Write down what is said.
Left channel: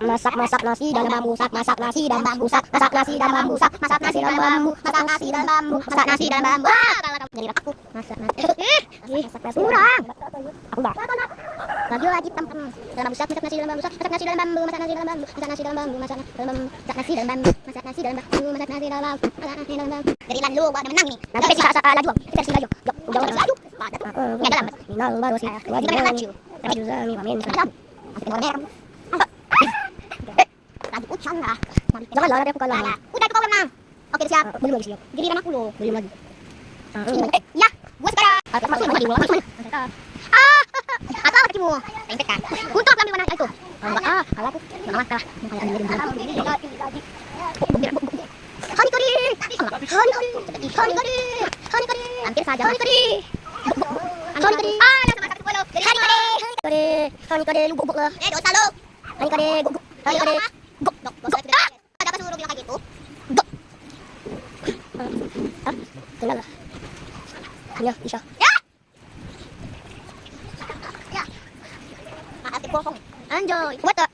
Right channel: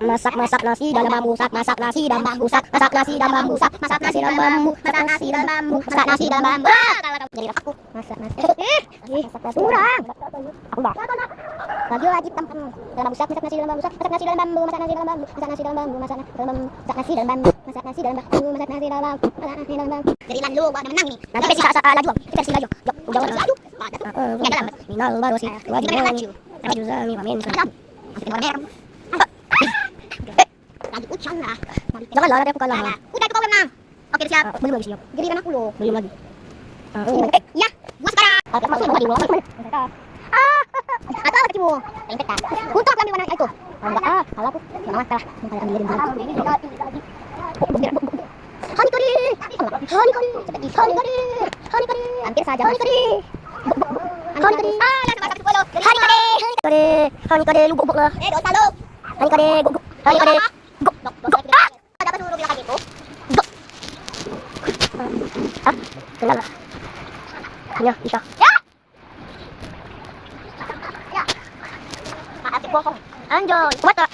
Masak nasi dalam bambu, masak nasi dalam bambu, masak nasi dalam bambu, masak nasi dalam bambu, masak nasi dalam bambu, masak nasi dalam bambu. Jadi aku masak nasi. Masak nasi kurang. Aku enggak. Lagi tempat dalam bambu, masak nasi dalam bambu, masak nasi dalam bambu, masak nasi dalam bambu, masak nasi dalam bambu, masak nasi dalam bambu, masak nasi dalam bambu, masak nasi dalam bambu, masak nasi dalam bambu. Jadi lalu gua ada menang nih. Nanti versi laju, versi laju. Jauh laju. Enggak dalam. Minal baru sih. Wajib nih. Laju zami wamin. Lagi ucang lah. Jangan lah, nanti aku kalah. Udah itu kau menang. Oke siap. Belum lagi siap. Giliran aku loh. Belum lagi. Ya, gua sekarang. Atau kakimu. Tengok kan. Untuk ambil mana itu? Enggak kalau aku enggak masalah. Hani kari. Hampir saja. Hani kari. Hani kari lu guguk lah. Dosa lu. Hani kari guguk. Hani kari. Ada apa suruh bilang kayak gitu? Kenal lah. Hanya bisa. Ya. Maaf, bohong. Anjoy. What the?